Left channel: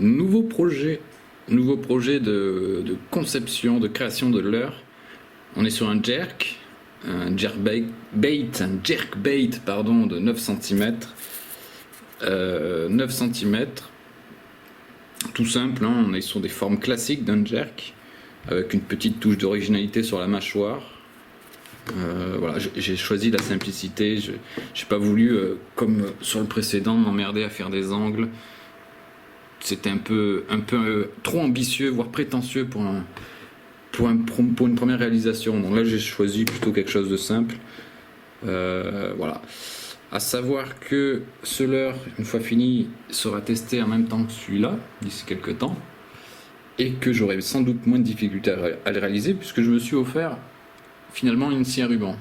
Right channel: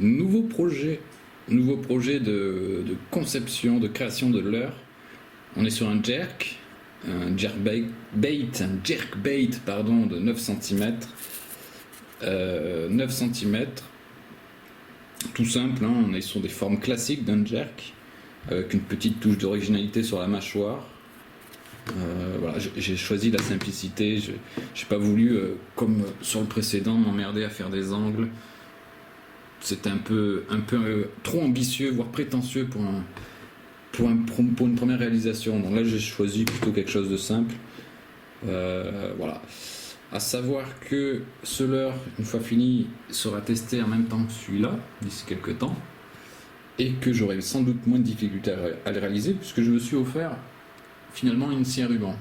Nouveau projet, de conception, de création de leurre. On est sur un jerkbait pardon, de 9 cm. 9 cm, tout simple, hein, on est sur des formes classiques d'un jerk, avec une petite touche d'originalité sur la mâchoire. Voilà, j'ai choisi la simplicité, j'ai pas voulu, comme sur le précédent, m'emmerder à faire des angles. C'était un peu trop ambitieux, voire prétentieux pour une première réalisation. Donc là, j'ai choisi plutôt quelque chose de simple. Voilà. À savoir que ce leurre, une fois fini, sera testé en même temps que celui-là, d'ici quelques temps, et que j'aurai sans doute moins de difficultés à le réaliser, puisque je me suis offert finalement une scie à ruban.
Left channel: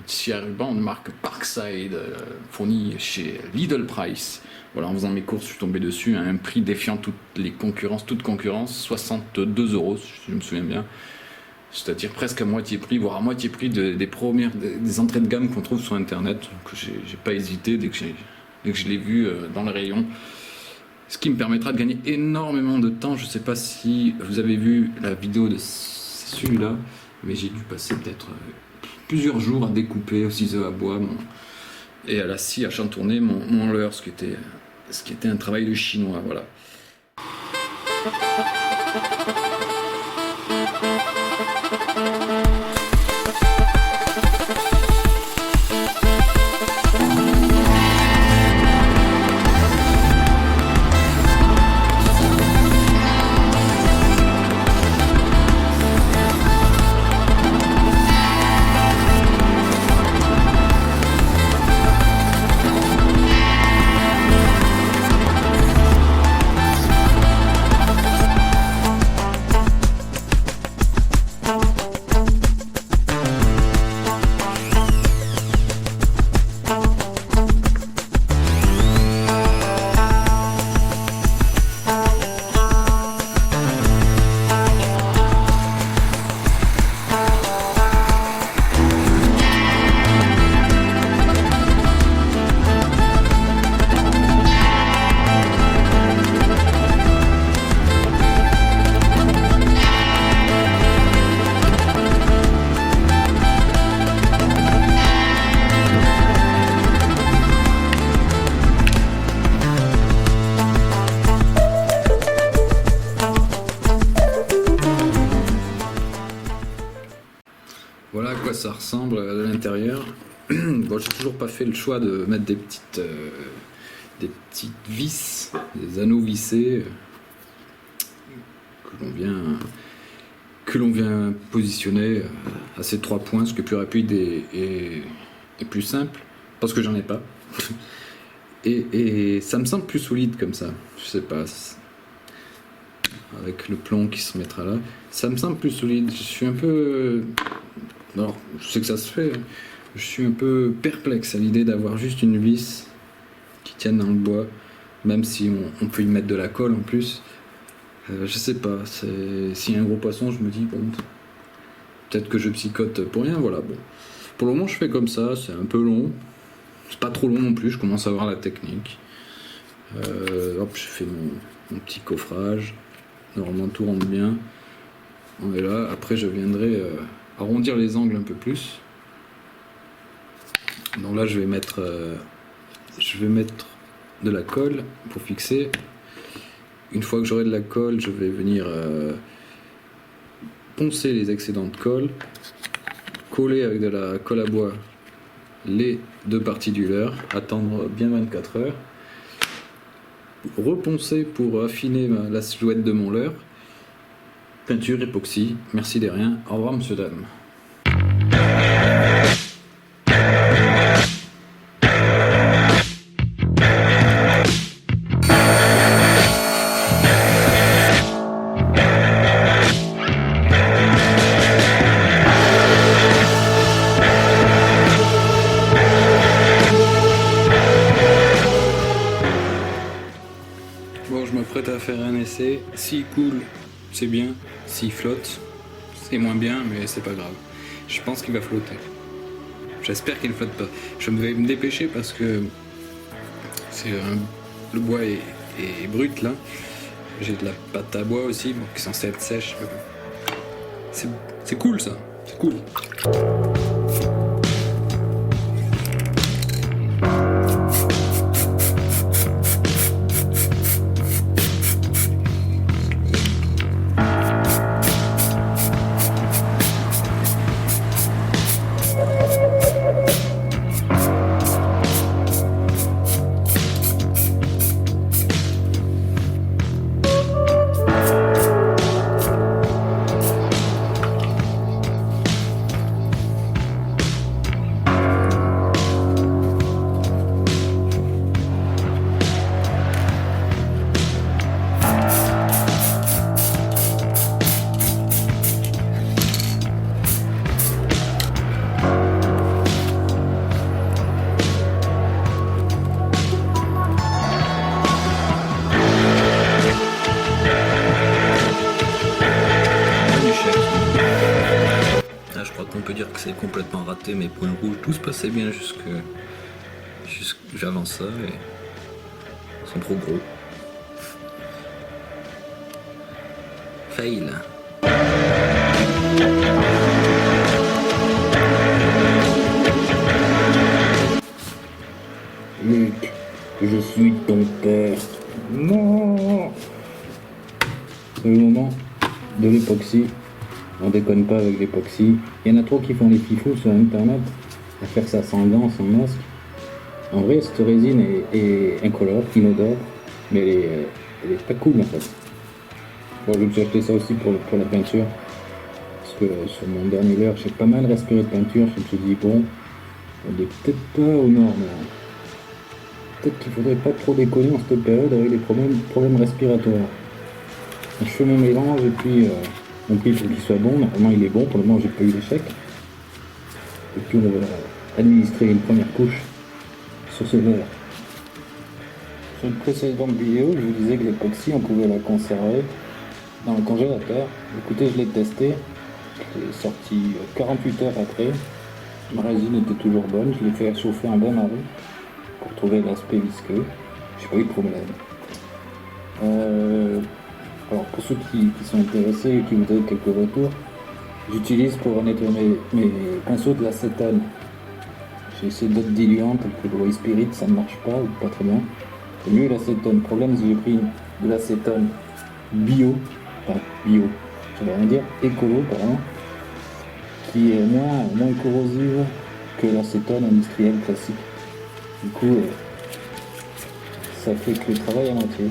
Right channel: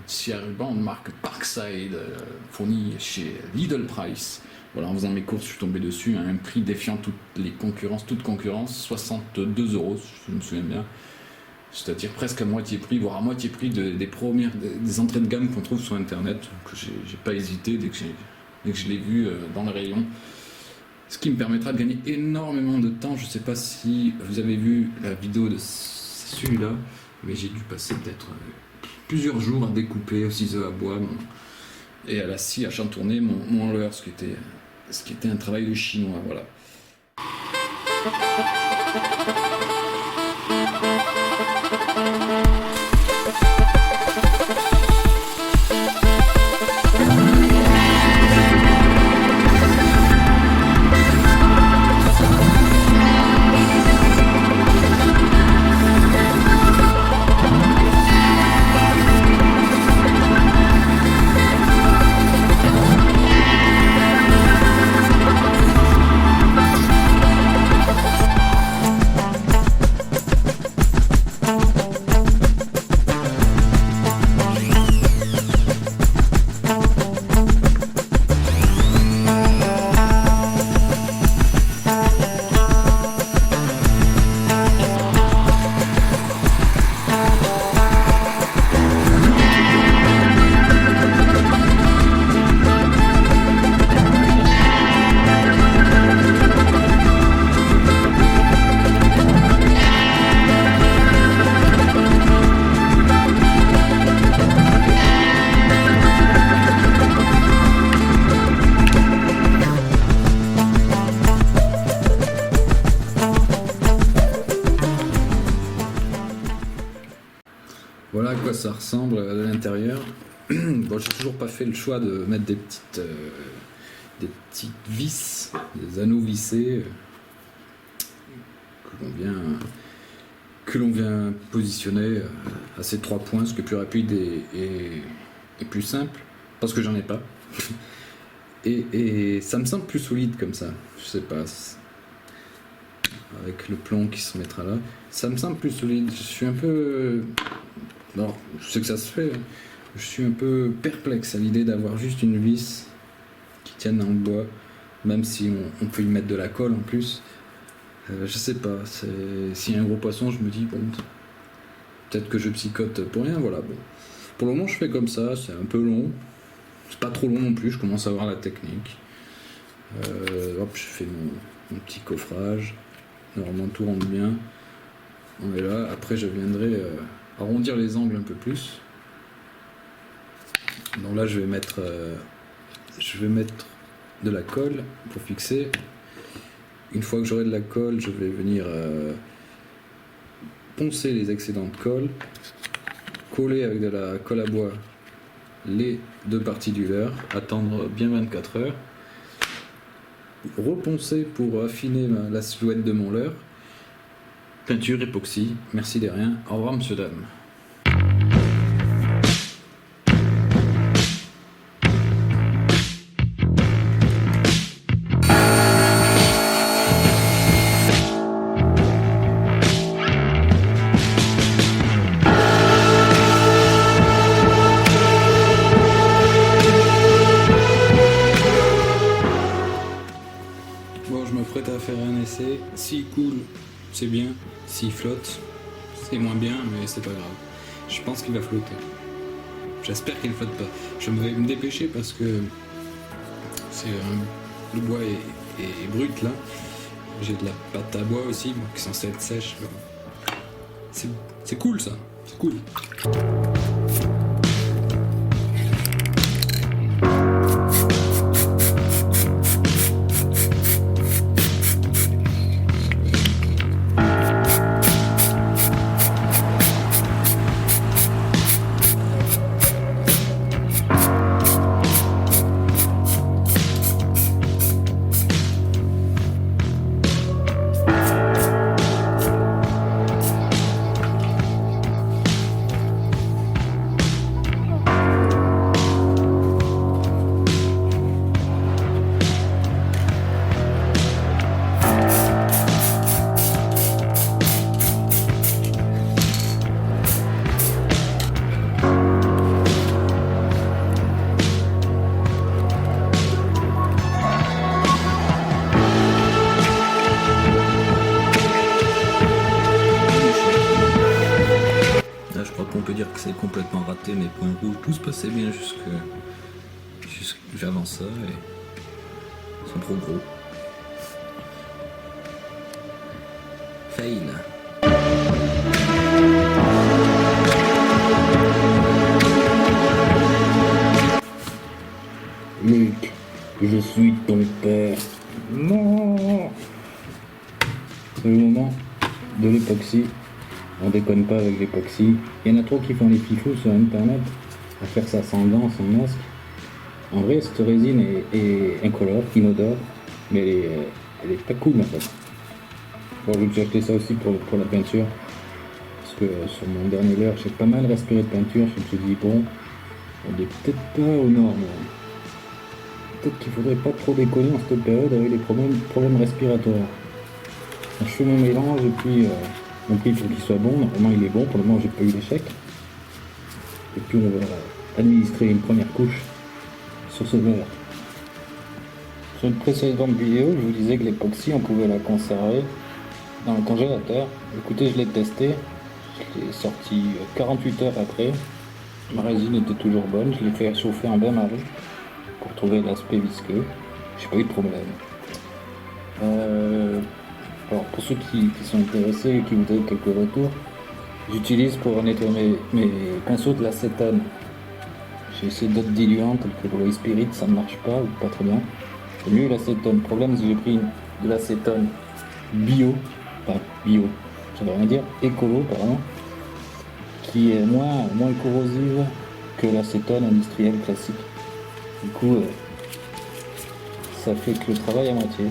Une scie à ruban de marque Parkside, fournie chez Lidl Price. Voilà, en faisant mes courses, je suis tombé dessus à un prix défiant toute concurrence, 62 €, si je me souviens bien. C'est-à-dire presque à moitié prix, voire à moitié prix des entrées de gamme qu'on trouve sur internet, que j'ai pas hésité dès que je l'ai vu dans le rayon. Ce qui me permettra de gagner énormément de temps. Je sais pas si vous avez vu la vidéo de celui-là, mais j'ai dû passer peut-être plusieurs jours à découper au ciseau à bois et à la scie à chantourner mon leurre, ce qui était un travail de chinois, voilà. Voilà à quoi ça ressemble de l'intérieur. Bon, j'ai toujours pas fait le choix de mettre des petites vis, des anneaux vissés que l'on vient positionner à ces 3 points, ce qui est plus rapide et plus simple, parce que j'en ai pas. Et ça me semble plus solide comme ça. Je sais pas. Avec le plomb qui se mettra là, ça me semble plus solide. Je suis un peu... Alors, je sais que ça se fait. Je suis un peu perplexe à l'idée d'avoir juste une vis qui tienne dans le bois, même si on peut y mettre de la colle en plus. Je sais pas. S'il y a un gros poisson, je me dis, bon, peut-être que je psychote pour rien. Voilà, bon. Pour le moment, je fais comme ça. C'est un peu long. C'est pas trop long non plus. Je commence à voir la technique. Hop, je fais mon petit coffrage. Normalement, tout rentre bien. On est là. Après, je viendrai arrondir les angles un peu plus. Donc là, je vais mettre de la colle pour fixer. Une fois que j'aurai de la colle, je vais venir poncer les excédents de colle, coller avec de la colle à bois les 2 parties du leurre, attendre bien 24 heures, reponcer pour affiner la silhouette de mon leurre, peinture, époxy, merci de rien, au revoir monsieur, dame. Bon, je m'apprête à faire un essai. S'il coule, c'est bien. S'il flotte, c'est moins bien, mais c'est pas grave. Je pense qu'il va flotter. J'espère qu'il ne flotte pas. Je vais me dépêcher parce que le bois est brut là. J'ai de la pâte à bois aussi, bon, qui est censée être sèche. C'est cool ça, c'est cool. Là, je crois qu'on peut dire que c'est complètement raté, mes points rouges, tout se passait bien jusque j'avance ça et ils sont trop gros. Fail. Luc, je suis ton père. Non. C'est le moment de l'époxy. On déconne pas avec l'époxy. Il y en a trop qui font les fifous sur internet à faire ça sans gants, sans masque. En vrai, cette résine est incolore, inodore, mais elle est pas cool en fait. Bon, je me suis acheté ça aussi pour la peinture. Parce que sur mon dernier leurre, j'ai pas mal respiré de peinture. Je me suis dit, bon, on est peut-être pas aux normes là. Peut-être qu'il faudrait pas trop déconner en cette période avec des problèmes respiratoires. Je fais mon mélange et puis mon prix il faut qu'il soit bon. Normalement il est bon, pour le moment j'ai pas eu d'échec. Et puis on va administrer une première couche sur ce verre. Sur une précédente vidéo, je vous disais que l'époxy on pouvait la conserver dans le congélateur. Écoutez, je l'ai testé, je l'ai sorti 48 heures après. Ma résine était toujours bonne, je l'ai fait chauffer en bain-marie pour trouver l'aspect visqueux. J'ai pas eu de problème. Alors pour ceux qui sont intéressés et qui voudraient quelques retours, j'utilise pour nettoyer mes pinceaux de l'acétone. J'ai essayé d'autres diluants tels que le White Spirit, ça ne marche pas ou pas très bien. C'est mieux l'acétone. Le problème c'est que j'ai pris de l'acétone bio, ça veut rien dire, écolo apparemment, qui est moins corrosive que l'acétone industriel classique. Du coup, ça fait que le travail à moitié.